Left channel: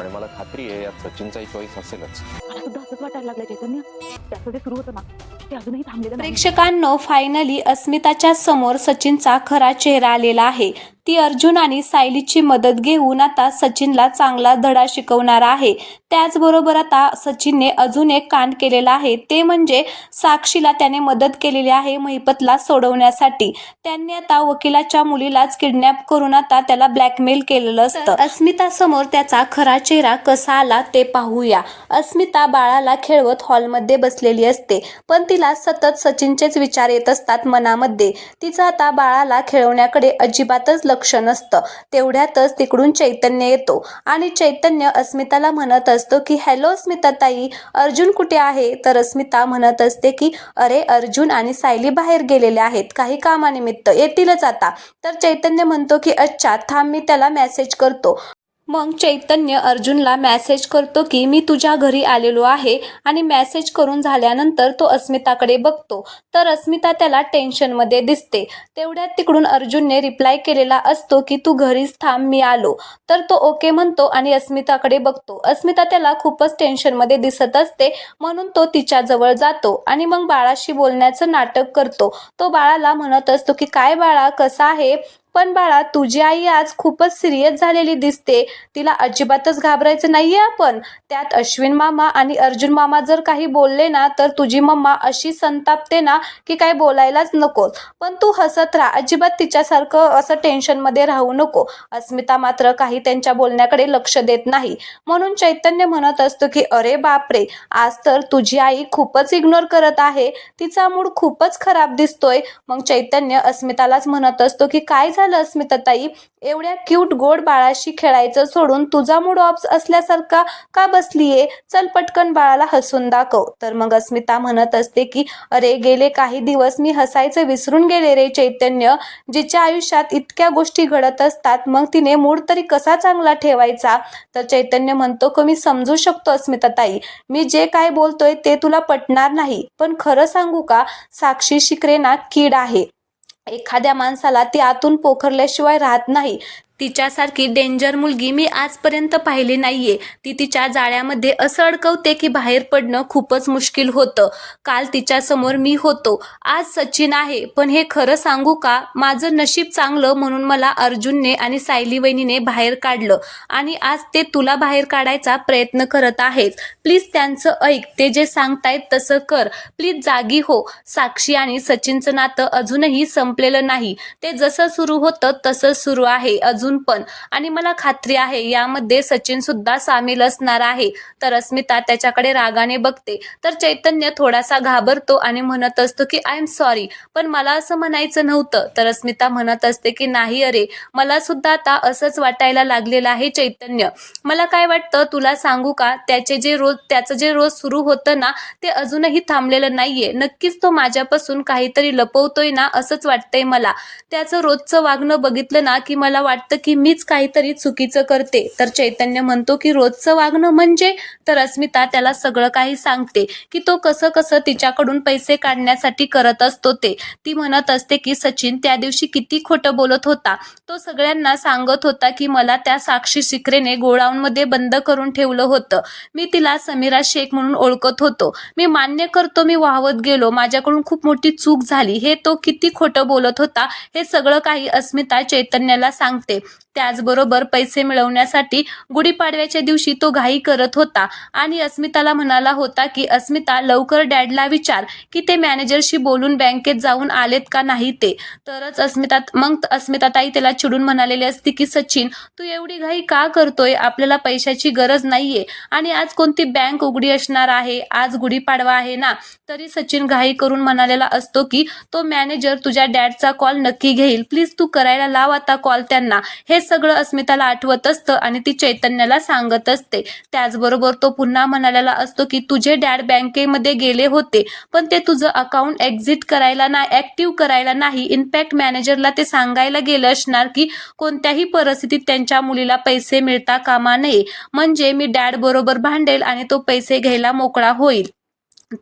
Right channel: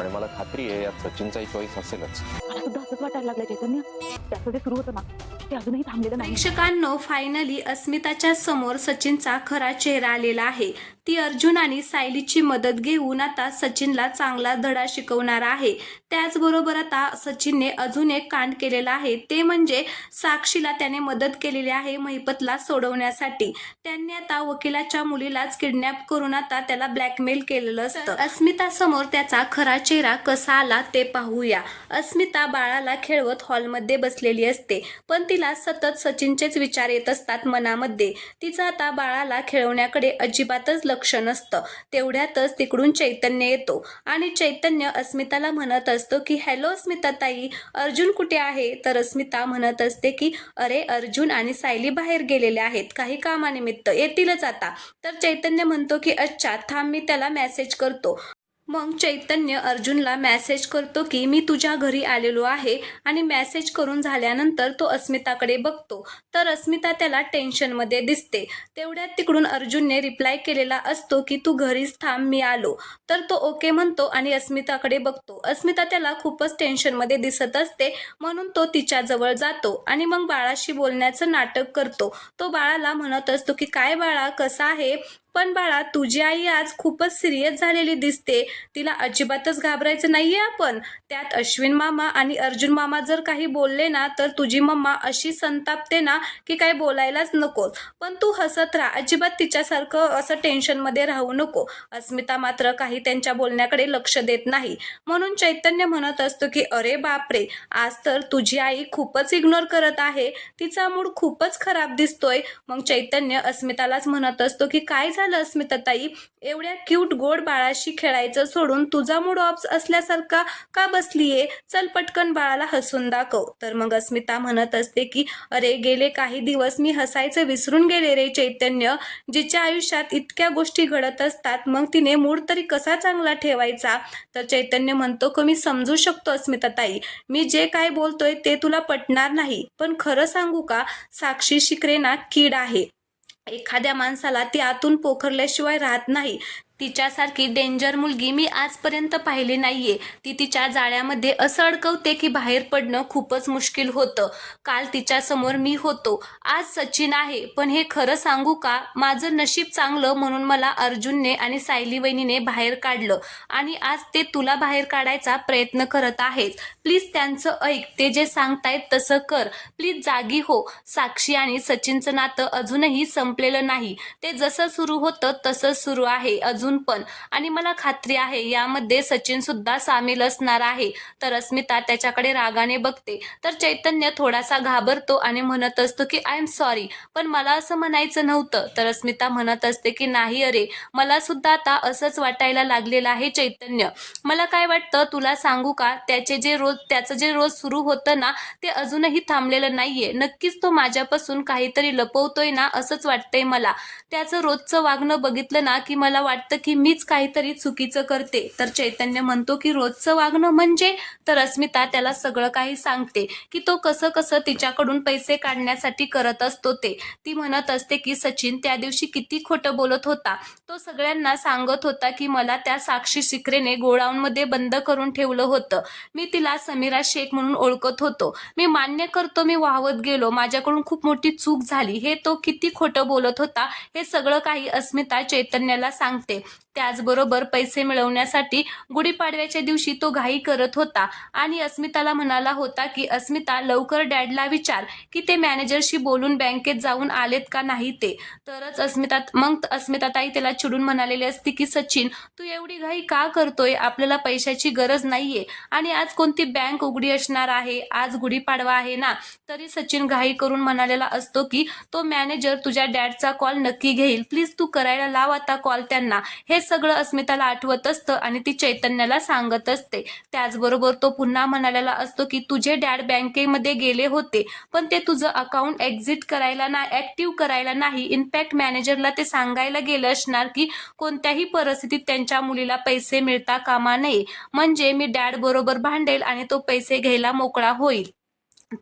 आणि मला खात्री आहे यात सचिनचाही चॉईस असेलच. मला सुद्धा असंच वाटायला लागलं चैतन्य. त्याचं जे सुरू होतं ना ते अजूनही थांबलेलं नाही. प्रेक्षकांनो, फायनली अस्मिताच्या समोर सचिनचा खरा चेहरा आलेला आहे. ती अर्जुन आणि सायलीची मदत घेऊन आता सचिनला चांगला धडा शिकवणार आहे. त्याचबरोबर आता सचिनने अजून एक कांड केलेला आहे, ते म्हणजे साक्षीला त्याने मदत केलेली आहे महिपतला सोडवण्यासाठी. त्यांनी आता वकिलाच्या मुलीलाच किडनॅप करून आता त्याला ब्लॅकमेल केलेलं असतं. अस्मिता समोर त्याचा खरा चेहरा कसा आला ते पाहूया. अस्मिता बाळाला खेळवत हॉलमध्ये बसलेली असते, पण तिला सतत सचिनचेच विचार येत असतात मनामध्ये. तिचं आता बाळाला खेळवण्याकडे अजिबातच लक्ष नसतं. तेवढ्यातच तिकडून चैतन्य येतो आणि चैतन्य अस्मिताला म्हणत असतो की हॅलो अस्मिता ताई, अर्जुन कुठे आहे? तर अस्मिता म्हणत असते की अरे अर्जुन आणि सायली बाहेर गेलेले आहेत, काही कामानिमित्त, येतीलच आता. तर चैतन्य म्हणतो की अच्छा थांब, मी त्याला मेसेज करतो. मग चैतन्य अर्जुनला मेसेज करतो की मी तुझ्या घरी आलेलो आहे आणि मेसेज करून झाल्यानंतर तो अस्मिताकडे बघतो तर अस्मिता त्याला टेन्शनमध्ये दिसते. तेवढ्यात तिकडून अर्जुनने रिप्लाय केलेला असतो की तू घरीच थांब, मी आलो. तर तो ओके म्हणतो आणि अस्मिताकडे बघतो. अस्मिता त्याला खूपच टेन्शनमध्ये दिसत असते, म्हणून तो तिच्याजवळ जातो आणि मग बाळाशी बोलण्याचं नाटक करतो. तो बाळाला म्हणत असतो की काय बाळा, कसा आहे? पण बाळा, तुझी आई आज खूपच सिरियस झालेली दिसते, तिला अजिबातच घाबरायचं नाहीये आपण. त्यात अश्विन मामा आणि अर्जुन मामा जर काही बोलले ना तर तुझी मम्मा अशी संतापते ना की काही बोलायलाच नको. पण तू हसत राहा, अजिबात तिच्यासारखं असं टेन्शनमध्ये राहू नको. अस्मिता मात्र काही त्यांच्या बोलण्याकडे लक्ष देत नाही. म्हणून चैतन्य म्हणत असतो की अरे बापरे, आज तर तुझी आई खूपच इग्नोर करत आहे, तिचा मूड खूपच खराब दिसतोय. मग चैतन्य अस्मितालाच म्हणत असतो की काय झालं अस्मिता ताई, एवढ्या क्यूट गोड बाळाशी खेळायचं सोडून तुझा मूड ऑफ असल्यासारखा का बसलीये? चल पटकन बाळाला हसून दाखव. तर मग अस्मिता म्हणत असते की अरे गेले काही दिवस मी हसायचं विसरून गेले रे चैतन्य. जिच्या आयुष्यात इतक्या गोष्टी घडत असतात मग तिने मूड तरी कसा चांगला ठेवायचा? तर चैतन्य म्हणतो की मी समजू शकतो अस्मिता ताई, मी जे काय बोलतोय ते तुला पटणार नाही, पण खरं सांगू का, साक्षी शिकरे ना कीड आहे. एखाद्या माणसाला ती आतून पोखरल्याशिवाय राहत नाही. तिच्यासारखी डेंजर मुलगी मी आजपर्यंत पाहिली नाहीये. ती तिच्या जाळ्यामध्ये असं अडकवते की बाहेर पडणं खूपच मुश्किल होतं. काल तिच्या समोर मी होतो, आज सचिन आहे. पण हे खरं सांगू का, माझं नशीब चांगलं म्हणून मला अर्जुनने आणि सायली वहिनीने बाहेर काढलं आणि आज ते तुला बाहेर काढायचा प्रयत्न करत आहेत. प्लीज त्यांचं ऐक, ते जे सांगतायत तसं कर. प्लीज जागी हो. साक्षी आणि सचिनचं नातं अजूनही संपलेलं नाही, ते जसं सुरू होतं तसंच सुरू आहे अजून पण. आणि मला खात्री आहे यामध्ये सचिन सुद्धा सामील असणार आहे. तर अस्मिता त्याच्याकडे रागाने बघते. तर चैतन्य थोडासा घाबरतो आणि म्हणत असतो की आय एम सॉरी, पण मला असं म्हणायचं नव्हतं. तर अस्मिता म्हणत असते की नाही अरे, मला सुद्धा आता असंच वाटायला लागलेलं आहे चैतन्य. मला काय वाटतं तुला सांगू का, त्याचं जे रोज सुरू होतं ना ते अजूनही थांबलेलं नाहीये. नक्कीच तो माझ्यापासून काहीतरी लपवतोय ना असंच वाटतंय मला. त्याचं रोजचं वागणं बघितलं ना की मला वाटतं की मीच काहीतरी चुकीचं करते. तर चैतन्य म्हणतो की रोजचं वागणं म्हणजे? तर अस्मिता त्याला सगळं काही सांगते की तो कसं कसं तिच्याकडून पैसे काढण्यासाठी करत असतो ते. ती म्हणत असते की सचिन त्या दिवशी किती खोटं बोलत होता. तो सगळ्यांना सांगत होता की मला त्या साक्षी शिकरेने गोडाऊनमध्ये बंद करून ठेवलं होतं. मी तिला समीरा शेख म्हणून ओळखत होतो. मी मान्य करतो मी वाहवत गेलो, माझ्याकडून खूप मोठी चूक झाली. हे तो किती खोटं बोलत होता हे सगळं काही अस्मिता चैतन्याला सांगते. त्याचबरोबर पैसे मिळवण्यासाठी गुढीपाडव्याच्या दिवशी तो घाई करत होता आणि अस्मिताला म्हणाला होता की अस्मिता लवकर डॅडला विचार की ते मॅनेजरशी बोलून बँकेत जाऊन आलेत का नाही ते. तरच अस्मिता ताई त्याला चिडून म्हणालेली असते की सचिन तू एवढी घाई का करतोय, आपल्याला पैशाची गरज नाहीये आणि आज कोणती बँक उघडी असणार आहे, आज गुढीपाडवा आहे ना. तरी सचिन घाई करून म्हणालेला असतो की तो मॅनेजर तुझ्या डॅडचा कॉल नक्की घेईल, प्लीज तू करायला लाव आता कॉल त्यांना. हे सगळं अस्मिताला आठवत असतं आणि ती चैतन्याला सांगत असते. त्याचबरोबर तो पुन्हा म्हणालेला असतो की तुझे डॅड बँकेमध्ये गेले होते पण ते तुझं अकाउंट ऍक्टिव्ह करायला नाही. इनफॅक्ट मॅनेजरला ते सांगायला गेलं असणार की कोणत्याही परिस्थितीत त्यांच्या मुलीला पैसे मिळता कामा नये, म्हणजे मी डॅड बरोबर भांडेल आणि तो पैसे घ्यायला मोकळा होईल.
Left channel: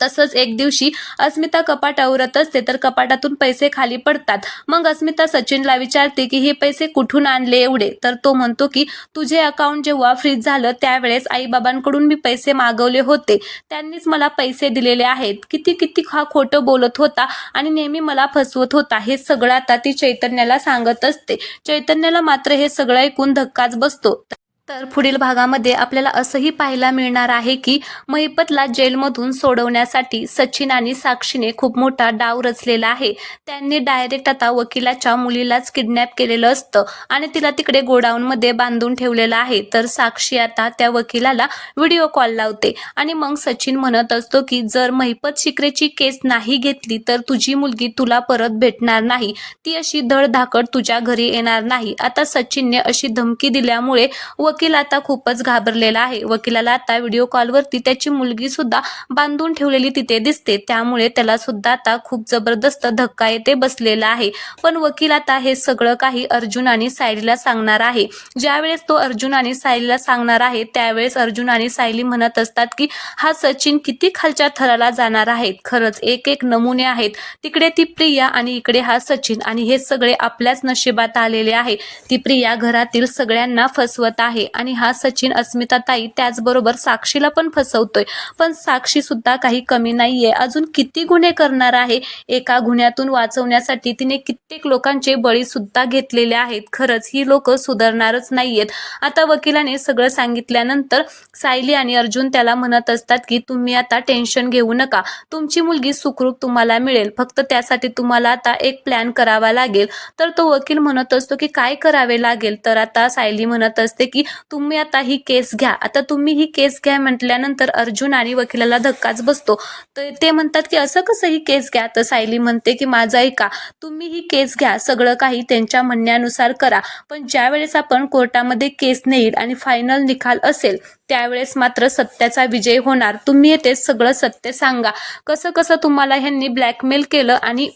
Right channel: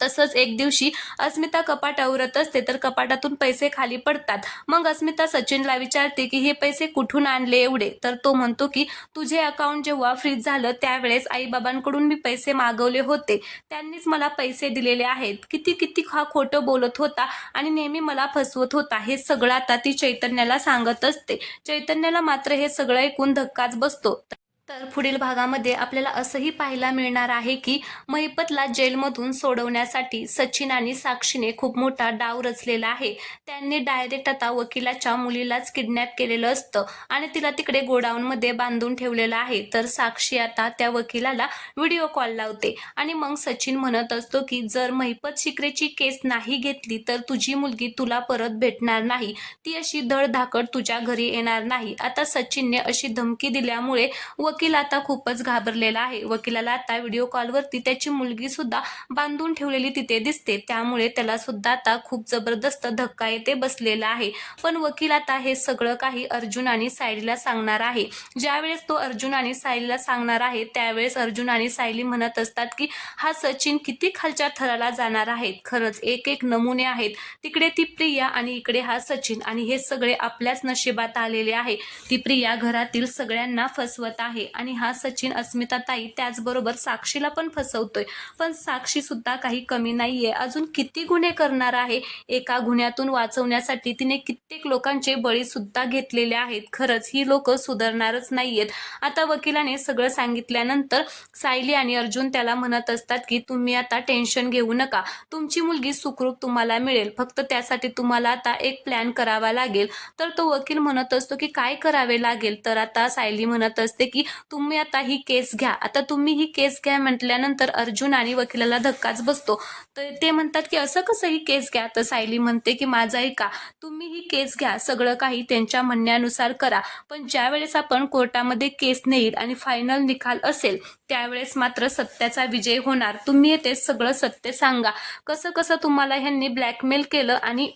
तसंच एक दिवशी अस्मिता कपाट आवरत असते तर कपाटातून पैसे खाली पडतात. मग अस्मिता सचिनला विचारते की हे पैसे कुठून आणले एवढे? तर तो म्हणतो की तुझे अकाउंट जेव्हा फ्रीज झालं त्यावेळेस आईबाबांकडून मी पैसे मागवले होते, त्यांनीच मला पैसे दिलेले आहेत. किती किती हा खोटं बोलत होता आणि नेहमी मला फसवत होता. हे सगळं आता ती चैतन्याला सांगत असते. चैतन्याला मात्र हे सगळं ऐकून धक्काच बसतो. तर पुढील भागामध्ये आपल्याला असंही पाहायला मिळणार आहे की महिपतला जेलमधून सोडवण्यासाठी सचिन आणि साक्षीने खूप मोठा डाव रचलेला आहे. त्यांनी डायरेक्ट आता वकिलाच्या मुलीलाच किडनॅप केलेलं असतं आणि तिला तिकडे गोडाऊनमध्ये बांधून ठेवलेलं आहे. तर साक्षी आता त्या वकिलाला व्हिडिओ कॉल लावते आणि मग सचिन म्हणत असतो की जर महिपत शिकरेची केस नाही घेतली तर तुझी मुलगी तुला परत भेटणार नाही, ती अशी धडधाकट तुझ्या घरी येणार नाही. आता सचिनने अशी धमकी दिल्यामुळे वकील आता खूपच घाबरलेला आहे. वकिलाला आता व्हिडिओ कॉलवरती त्याची मुलगी सुद्धा बांधून ठेवलेली तिथे दिसते, त्यामुळे त्याला सुद्धा आता खूप जबरदस्त धक्का येते बसलेला आहे. पण वकील आता हे सगळं काही अर्जुन आणि सायलीला सांगणार आहे. ज्यावेळेस तो अर्जुन आणि सायलीला सांगणार आहे त्यावेळेस अर्जुन आणि सायली म्हणत असतात की हा सचिन किती खालच्या थराला जाणार आहे. खरंच एक एक नमुने आहेत. तिकडे ती प्रिया आणि इकडे हा सचिन, आणि हे सगळे आपल्याच नशिबात आलेले आहे. ती प्रिया घरातील सगळ्यांना फसवत आहे आणि हा सचिन अस्मिताताई त्याचबरोबर साक्षीला पण फसवतोय. पण साक्षी सुद्धा काही कमी नाहीये. अजून किती गुन्हे करणार आहे. एका गुन्ह्यातून वाचवण्यासाठी तिने कित्येक लोकांचे बळी सुद्धा घेतलेले आहेत. खरंच ही लोक सुधारणारच नाहीयेत. आता वकिलाने सगळं सांगितल्यानंतर सायली आणि अर्जुन त्याला म्हणत असतात की तुम्ही आता टेन्शन घेऊ नका, तुमची मुलगी सुखरूप तुम्हाला मिळेल, फक्त त्यासाठी तुम्हाला आता एक प्लॅन करावा लागेल. तर तो वकील म्हणत असतो की काय करावे लागेल? तर आता सायली म्हणत असते की तुम्ही आता ही केस घ्या. आता तुम्ही ही केस घ्या म्हटल्यानंतर अर्जुन आणि वकिलाला धक्काच बसतो. तर ते म्हणतात की असं कसं ही केस घ्या? तर सायली म्हणते की माझं ऐका, तुम्ही ही केस घ्या, सगळं काही त्यांच्या म्हणण्यानुसार करा, पण ज्या वेळेस आपण कोर्टामध्ये केस नेईल आणि फायनल निकाल असेल त्यावेळेस मात्र सत्याचा विजय होणार. तुम्ही येते सगळं सत्य सांगा, कसं कसं तुम्हाला ह्यांनी ब्लॅकमेल केलं आणि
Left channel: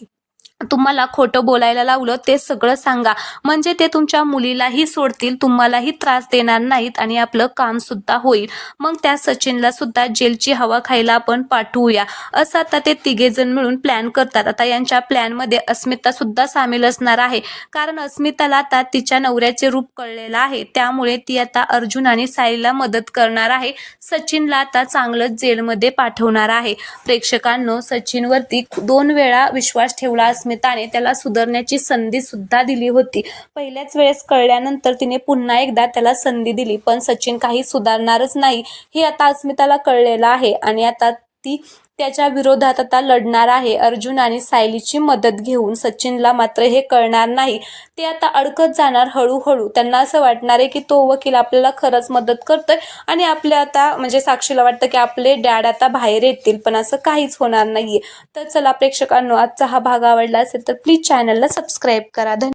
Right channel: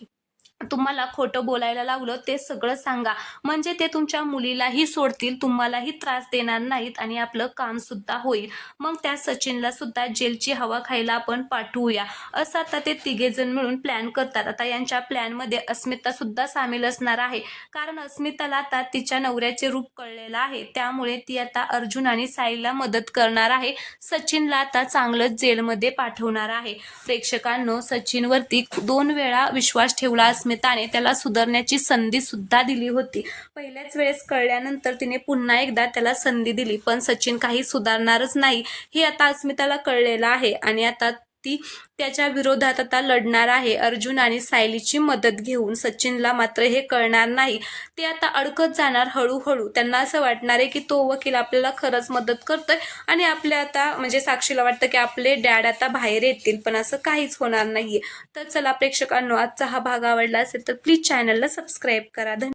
तुम्हाला खोटं बोलायला लावलं ते सगळं सांगा, म्हणजे ते तुमच्या मुलीलाही सोडतील, तुम्हालाही त्रास देणार नाहीत आणि आपलं काम सुद्धा होईल. मग त्या सचिनला सुद्धा जेलची हवा खायला आपण पाठवूया, असं आता ते तिघेजण मिळून प्लॅन करतात. आता यांच्या प्लॅनमध्ये अस्मिता सुद्धा सामील असणार आहे, कारण अस्मिताला आता तिच्या नवऱ्याचे रूप कळलेलं आहे, त्यामुळे ती आता अर्जुन आणि सायलीला मदत करणार आहे. सचिनला आता चांगलंच जेलमध्ये पाठवणार आहे. प्रेक्षकांनो, सचिनवरती 2 वेळा विश्वास ठेवला अस्मिताने, त्याला सुधारण्याची संधी सुद्धा दिली होती. पहिल्याच वेळेस कळल्यानंतर तिने पुन्हा एकदा त्याला संधी दिली, पण सचिन काही सुधारणारच नाही हे आता अस्मिताला कळलेलं आहे आणि आता ती त्याच्या विरोधात आता लढणार आहे. अर्जुन आणि सायलीची मदत घेऊन. सचिनला मात्र हे कळणार नाही, ते आता अडकत जाणार हळूहळू. त्यांना असं वाटणार आहे की तो वकील आपल्याला खरंच मदत करतोय आणि आपल्या आता म्हणजे साक्षीला वाटतं की आपले डॅड आता बाहेर येतील, पण असं काहीच होणार नाहीये. तर चला प्रेक्षकांनो, आजचा हा भाग आवडला असेल तर प्लीज चॅनलला सबस्क्राईब करा.